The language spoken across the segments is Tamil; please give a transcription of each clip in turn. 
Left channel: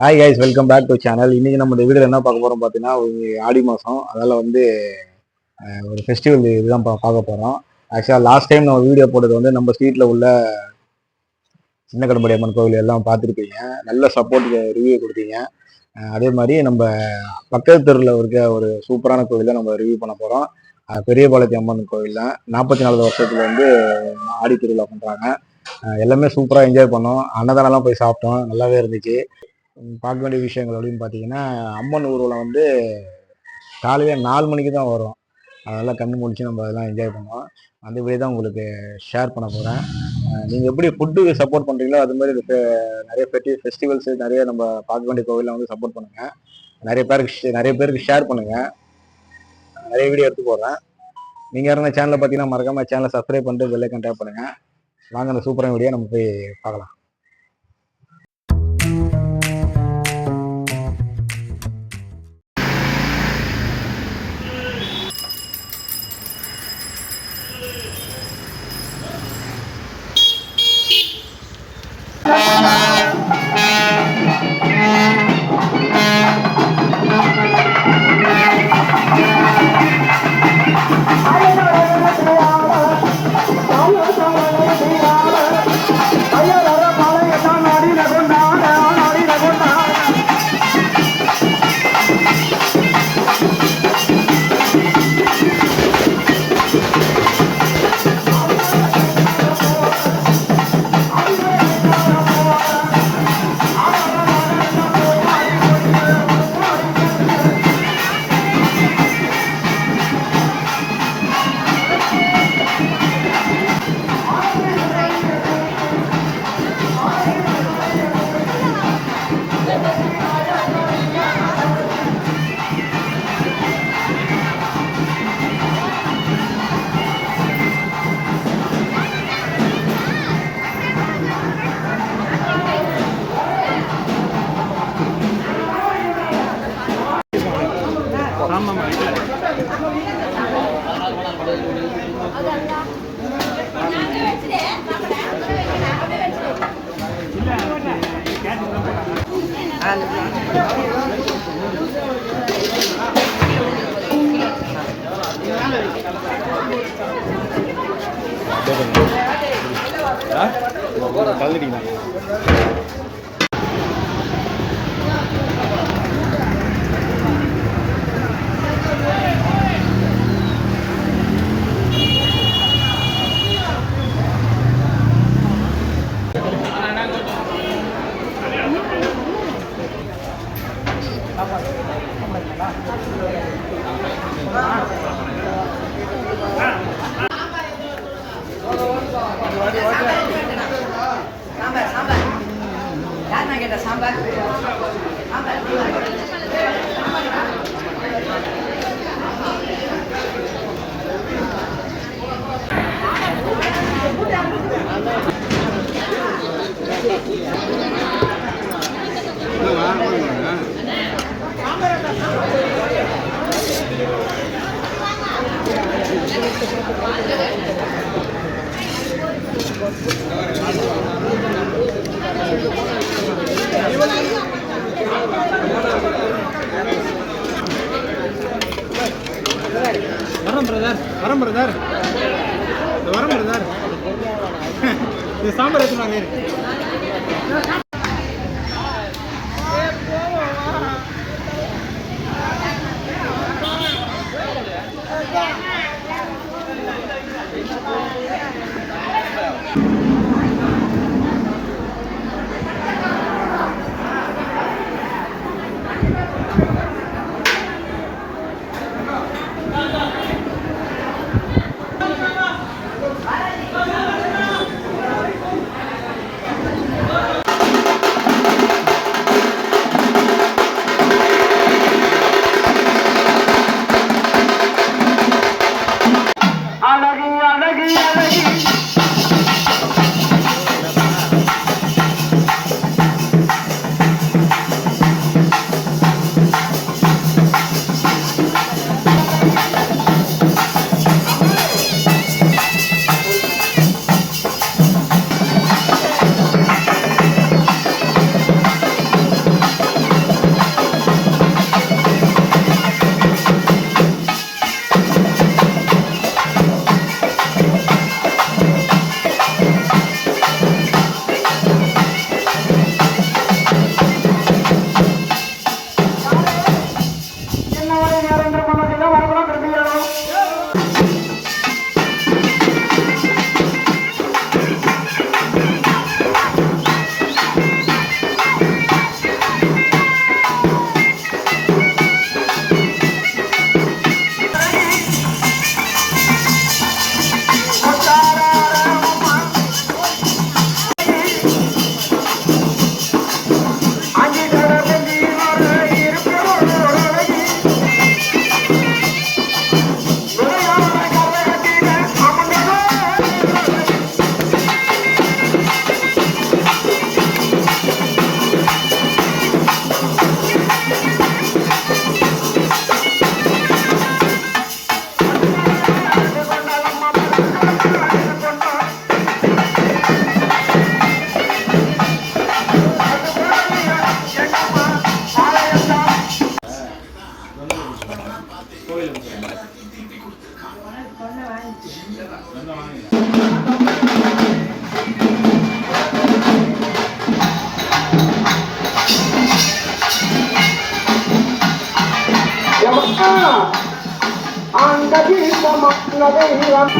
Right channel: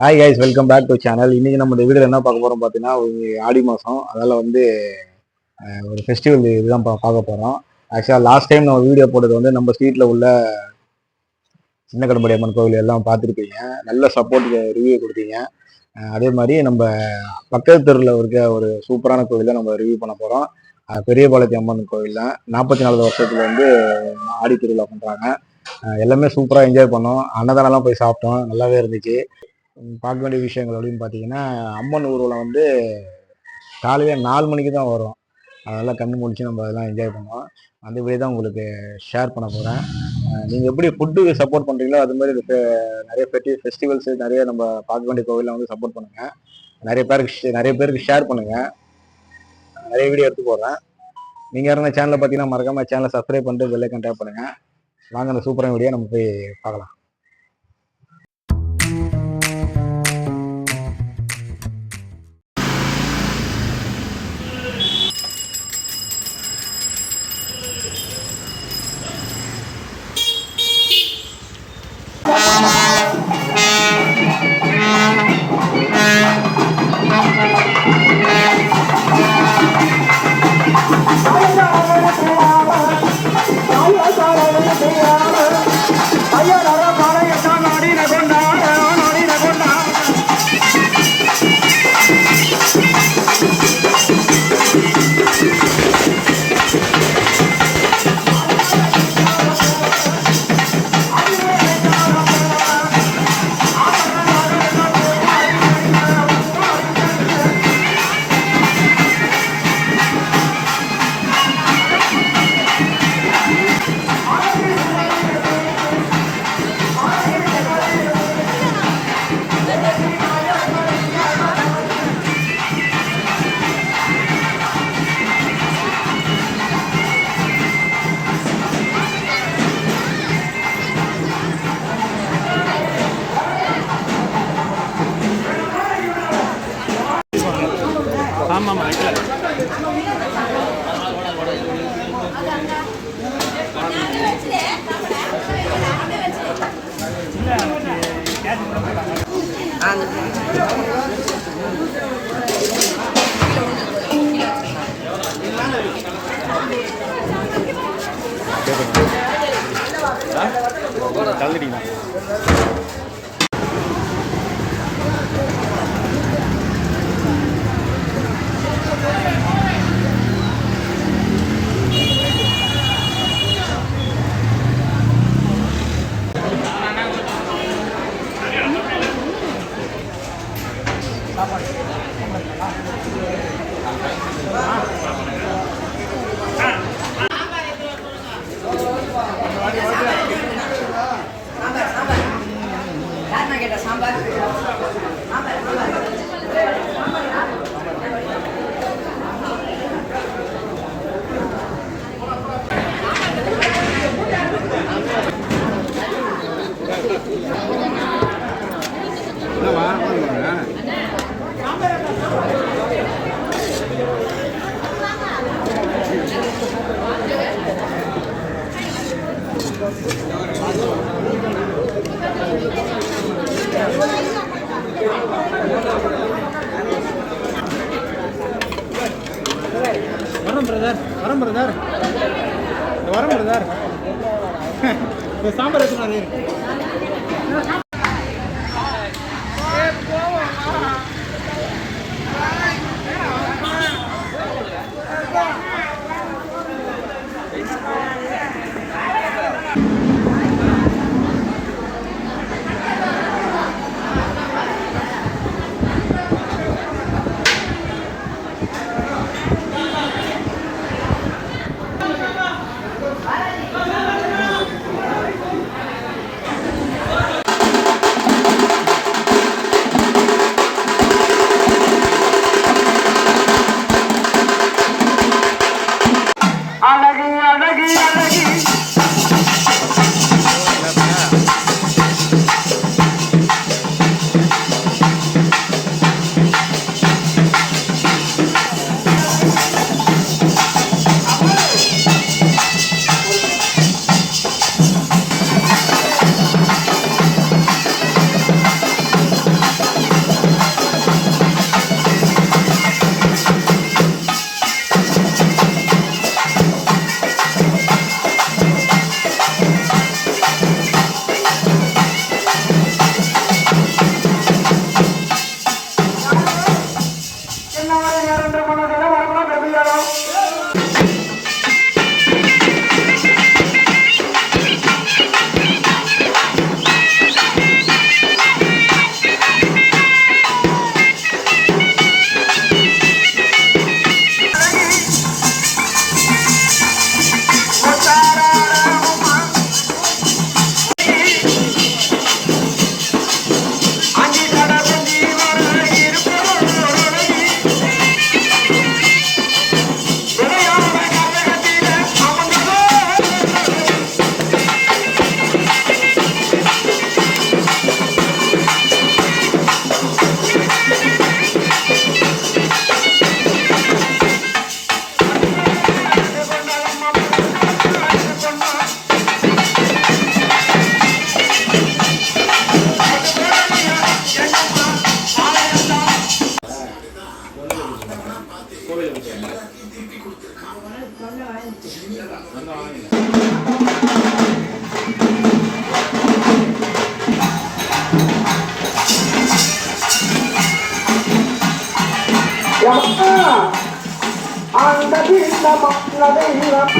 Hi guys welcome back to channel இன்னைக்கு நம்ம இந்த வீடியோ என்ன பார்க்க போறோம் பார்த்தீங்கன்னா ஆடி மாதம் அதனால வந்து ஒரு ஃபெஸ்டிவல் இதுதான் பா- பார்க்க போறோம். ஆக்சுவலாக லாஸ்ட் டைம் நம்ம வீடியோ போட்டது வந்து நம்ம ஸ்ட்ரீட்ல உள்ள சின்ன கடம்படி அம்மன் கோவில் எல்லாம் பார்த்துருப்பீங்க. நல்ல சப்போர்ட் ரிவ்யூ கொடுத்தீங்க. அதே மாதிரி நம்ம பக்கத்து தெருவில் இருக்க ஒரு சூப்பரான கோவிலை நம்ம ரிவ்யூ பண்ண போகிறோம் அஹ், பெரியபாளையத்தி அம்மன் கோவில் தான் நாற்பத்தி நாலு வருஷத்துல வந்து ஆடி திருவிழா பண்ணுறாங்க எல்லாமே சூப்பராக என்ஜாய் பண்ணோம். அன்னதானம்லாம் போய் சாப்பிட்டோம். நல்லாவே இருந்துச்சு. பார்க்க வேண்டிய விஷயங்கள் அப்படின்னு பார்த்தீங்கன்னா அம்மன் ஊர்வலம் வந்து காலையில் நாலு மணிக்கு தான் வரும். அதெல்லாம் கண்ணு முடிச்சு நம்ம அதெல்லாம் என்ஜாய் பண்ணுவோம். அந்த வீடியோ தான் உங்களுக்கு ஷேர் பண்ண போகிறேன் நீங்கள் எப்படி ஃபுட்டுக்கு சப்போர்ட் பண்ணுறீங்களோ அது மாதிரி இது நிறைய பெட்டி ஃபெஸ்டிவல்ஸ் நிறைய நம்ம பார்க்க வேண்டிய கோவிலில் வந்து சப்போர்ட் பண்ணுங்கள் நிறைய பேருக்கு ஷே- நிறைய பேருக்கு ஷேர் பண்ணுங்கள் நிறைய வீடியோ எடுத்து போடுறேன். நீங்கள் யாரும் சேனலை பார்த்தீங்கன்னா மறக்காமல் சேனலை சப்ஸ்கிரைப் பண்ணிட்டு பெல்லைக்கன் டேப் பண்ணுங்கள் வாங்க அந்த சூப்பரான வீடியோ நம்ம போய் பார்க்கலாம். Oh, my God. கலந்துட்டீங்களா sambar sambar யாருண்ணா கேட்டா சாம்பார் சாம்பார். பிரதர் வரம் பிரதர். வரம் பிரதர். இந்த I'm the beast of my love,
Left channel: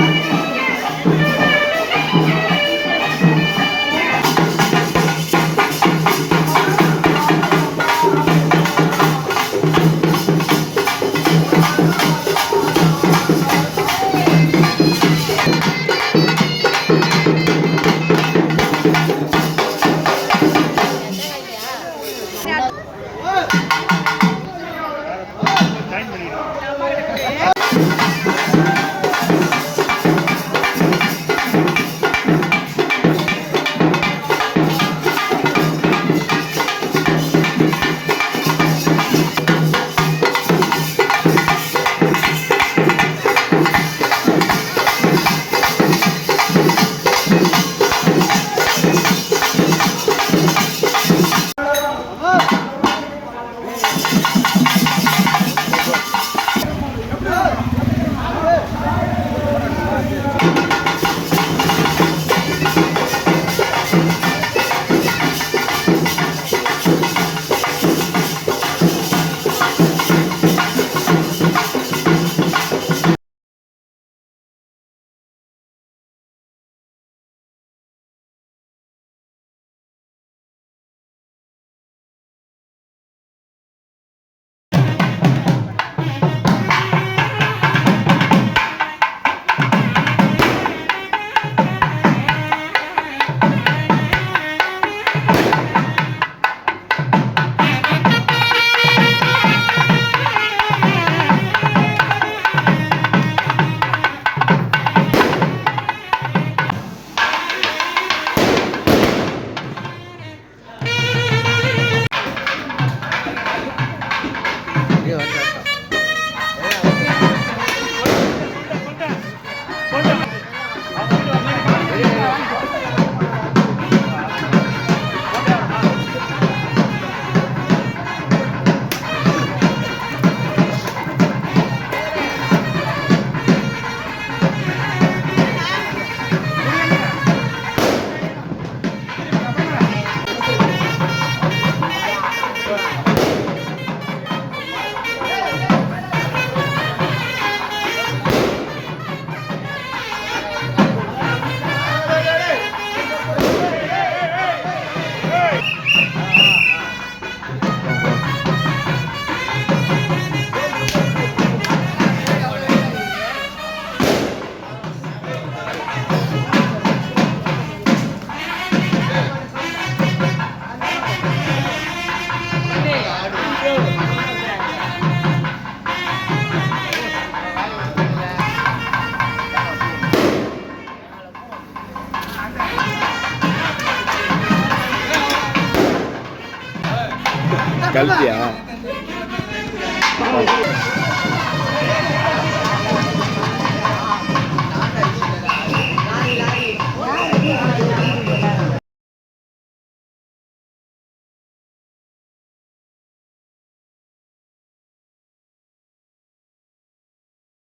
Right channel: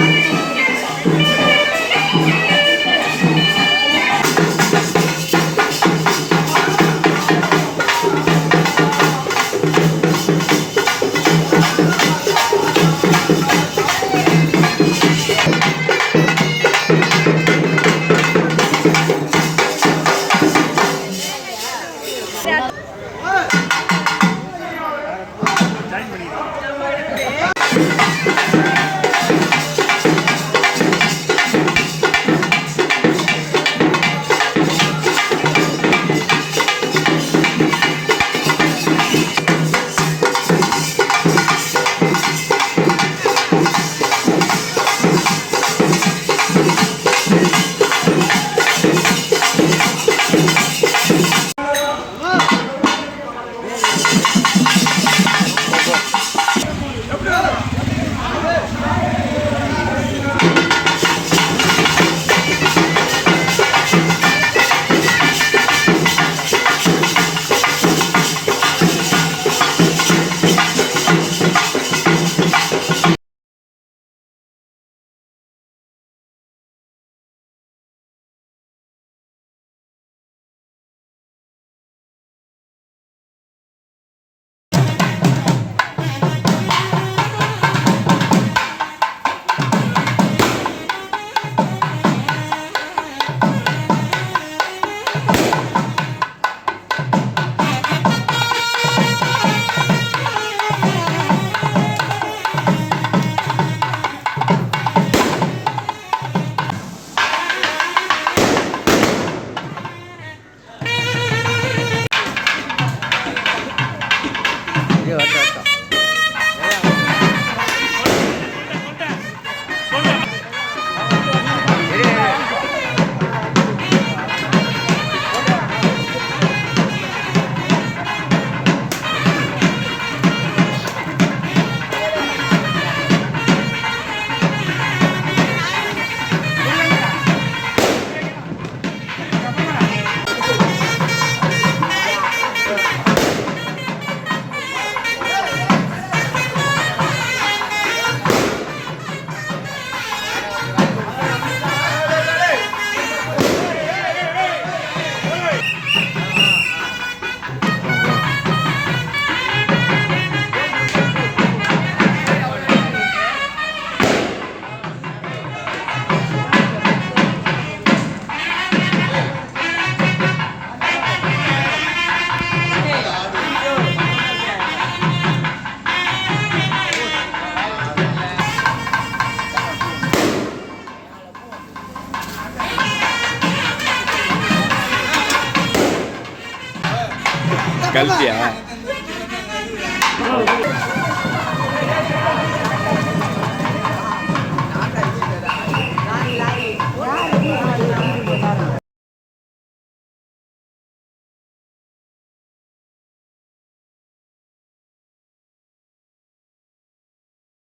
கல்பியா?